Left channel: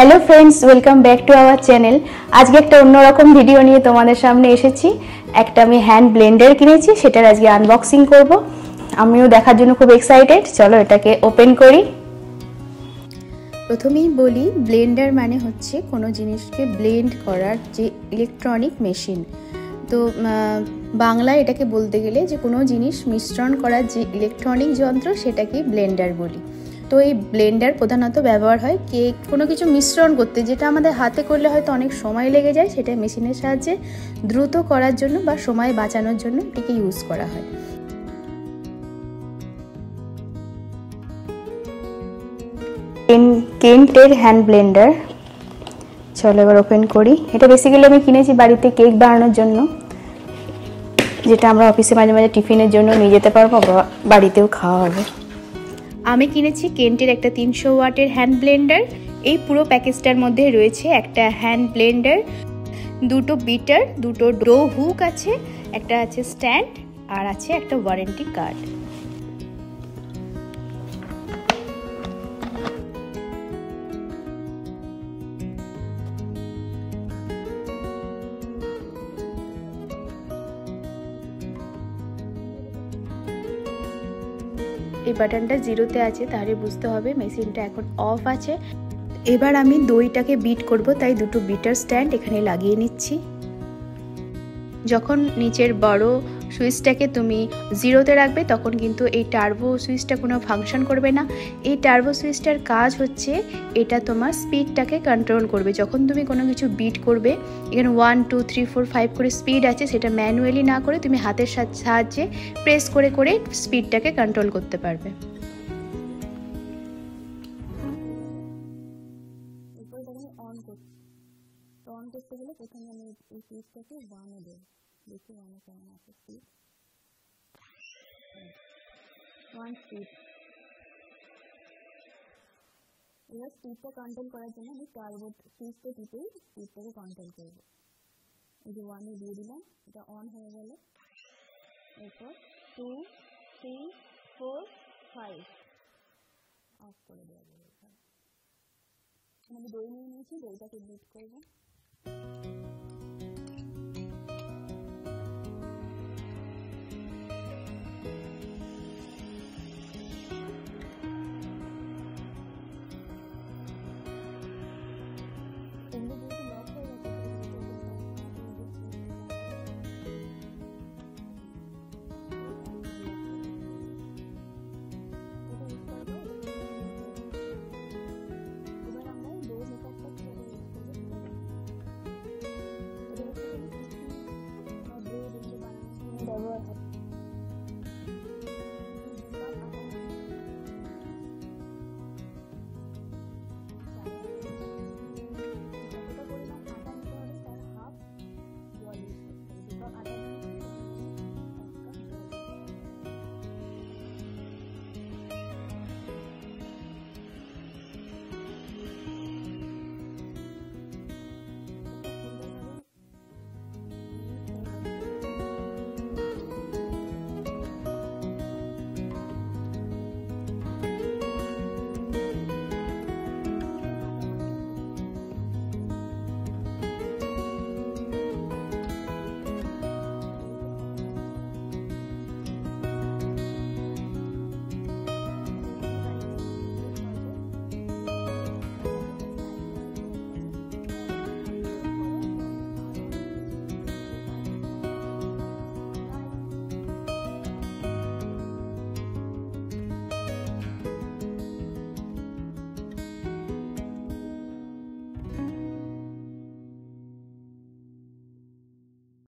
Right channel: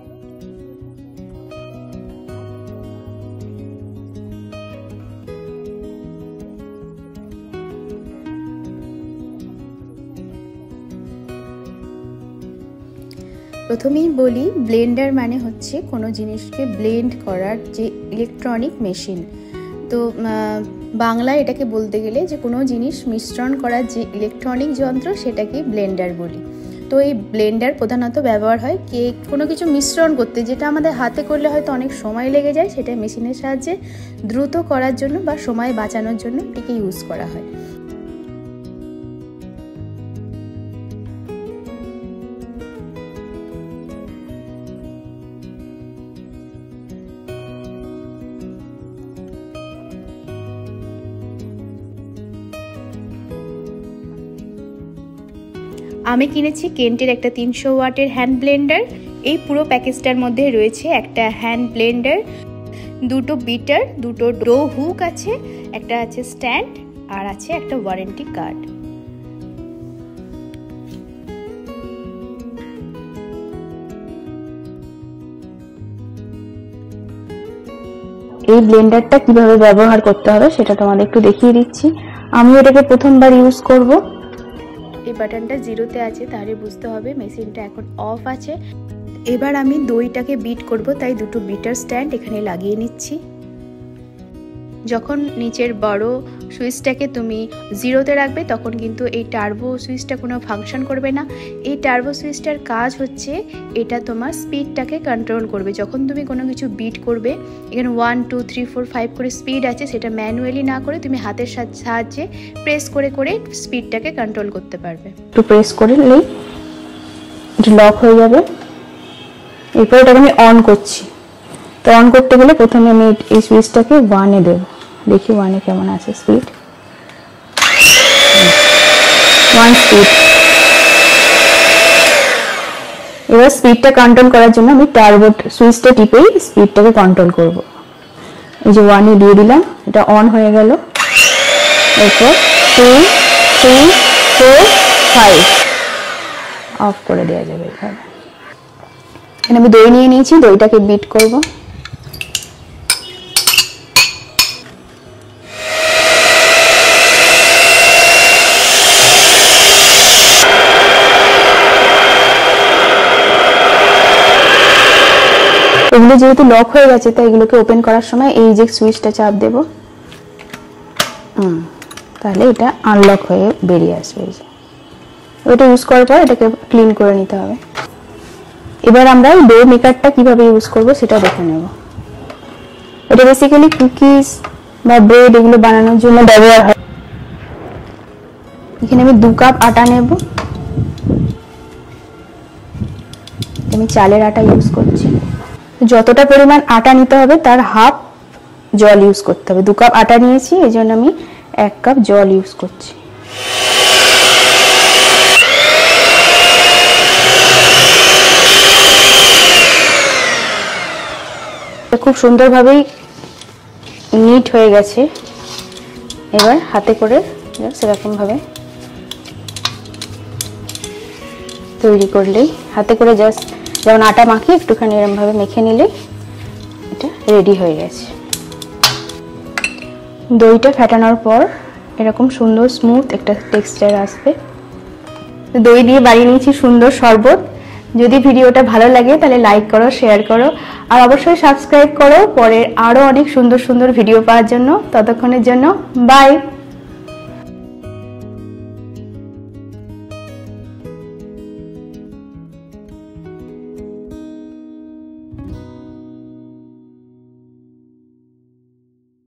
Hello friends welcome back to our channel. आज के एक अन्यरकम भिडियो निये तोमादेर सामने एसेछि। एकटा आमि हैंड ब्लेंडार किनेछि, सेटार आजके आनबक्सिंग करब। आमिও देखार जोन्नो खूब एक्साइटेड। चलो एटाके ओपेन करी। प्रथमेই বলি ব্লেন্ডার মানে হচ্ছে কোনো জিনিসকে ব্লেন্ড করার যে ইলেকট্রনিক মেশিন। তো বাংলায় এটাকে বলতে গেলে যে কোনো জিনিস মিশ্রণ করার যে ইলেকট্রনিক যন্ত্র সেটাকে ব্লেন্ডার বলি। তো এই ব্লেন্ডার প্রধানত ব্যবহার হয় কেক কোনো কিছু মিশ্রণ করতে, যেটা আমাদের হাতে করলে হয়তো অনেক সময় লেগে যায়, সেটা মেশিনের সাহায্যে দ্রুত করার জন্য বা সময় বাঁচানোর জন্য এটাকে ইউজ করা হয়। কেন্টের হ্যান্ড ব্লেন্ডার। চলো এবার ওপেন করি। এটা বেসিক্যালি আমি কিনেছি বাড়িতে কেক বানানোর জন্য, যেটা আমরা অফিসে মাঝে মাঝে টিফিনের জন্য নিয়ে যেতে পারবো বা বাড়িতেও খাওয়া হবে। আমি কিনেছি কেন্টের একটা 300 ওয়াটের হ্যান্ড ব্লেন্ডার। এই পুরো প্যাকেজটার মধ্যে রয়েছে একটা হ্যান্ড ব্লেন্ডার, দুটো বিটার, দুটো ডো হুক আছে, একটা আছে স্ট্যান্ড, আর আছে একটা ওয়ারেন্টি কার্ড। এই ব্লেন্ডারটা কিভাবে ব্যবহার করতে হবে সেটা তোমাদের একটু দেখিয়ে দিচ্ছি। আমি এটাকে প্রথমবার ইউজ করব। এই বাটনটা জিরোতে আছে, তাহলে বুঝতে হবে মেশিনটা এখন অফ আছে। এবার আমি দইটাকে বিট করব, তাই দুটো বিটার স্ট্যান্ড এখানে লাগিয়ে নিচ্ছি। যখন নিচের বড় সুইচটাকে তুমি জিরোতে রাখবে তখন কিন্তু এই টার্বো সুইচটা কোনো ফাংশন করবে না। এই টার্বো সুইচটার কাজ হচ্ছে এটা তোমার স্পিডটাকে কন্ট্রোল করবে। যখন তুমি কোনো কিছু বিট করবে, এখানে 1 2 3 4 5 করে স্পিড আছে, সেটা ম্যানুয়ালি না করে তুমি হাতের সাহায্যে প্রেস করে করে স্পিডটাকে কন্ট্রোল করতে পারবে। একটু প্রেস করে নিলেই এটা লক হয়ে যাবে। এরপর এটাকে আমি অন করছি। তো অন করতে গেলে প্রথমে আমি এই সুইচটাকে 1 এ দেব। দেখি 1 এ কেমন আছে স্পিড। 1 স্পিড। এবার স্পিডটা কন্ট্রোল করার জন্য আমি টার্বো সুইচটা টিপেই স্পিডটাকে কন্ট্রোল করব। এই যে 1 এ দিয়ে দিলাম, এটা অন হয়ে গেল। এরপর 2 3 4 5 অফ করে দেওয়া যাবে। এখানে আমি দই নিয়ে নিয়েছি, দইটাকে বিট করব। এগুলো যেহেতু লক হয়ে গেছে তাই এগুলোকে ওপেন করার সময় এই যে সুইচটা চাপ দেব, তাহলে এটা আনলক হয়ে বেরিয়ে আসবে। এটা ইউজ করার পর এটাকে ক্লিন করে নিতে হবে। এবার আমরা ডো মেকারটা কিভাবে ইউজ করব সেটা দেখে নেব। এটা বেসিক্যালি কুকিজ বা ব্রেড এগুলো বানানোর জন্য ব্যবহার হয়। এখানে আমি 2 কাপ আটা নেব। আমি চালের আটা ইউজ করছি। যতটা পরিমাণ আটা নিতে হবে তার হাফ জল ইউজ করতে হবে। 2 কাপ আটা নিয়েছি, এই জন্য আমি 1 কাপ জল ইউজ করছি। খুব সুন্দরভাবেই নিট হয়ে গেছে। এবার হাতে করে সেরকম ভাবে তৈরি করলেই, হাতে করে জাস্ট যেমন আটা মাখি একটুখানি এরকম ভাবে মেখে নিলে এটা রেডি হয়ে গেছে। দইটা ফেটানোর পর এরকম সুন্দর স্মুথ একটা টেক্সচার আসবে। দই দিয়ে বানিয়ে নিয়েছি সুন্দর শরবত। যদি ভিডিওটা ভালো লাগে তাহলে লাইক করো, শেয়ার করো, আর অবশ্যই সাবস্ক্রাইব করো পরের আরো অনেক সুন্দর সুন্দর ভিডিও পাওয়ার জন্য। ততক্ষণের জন্য বাই।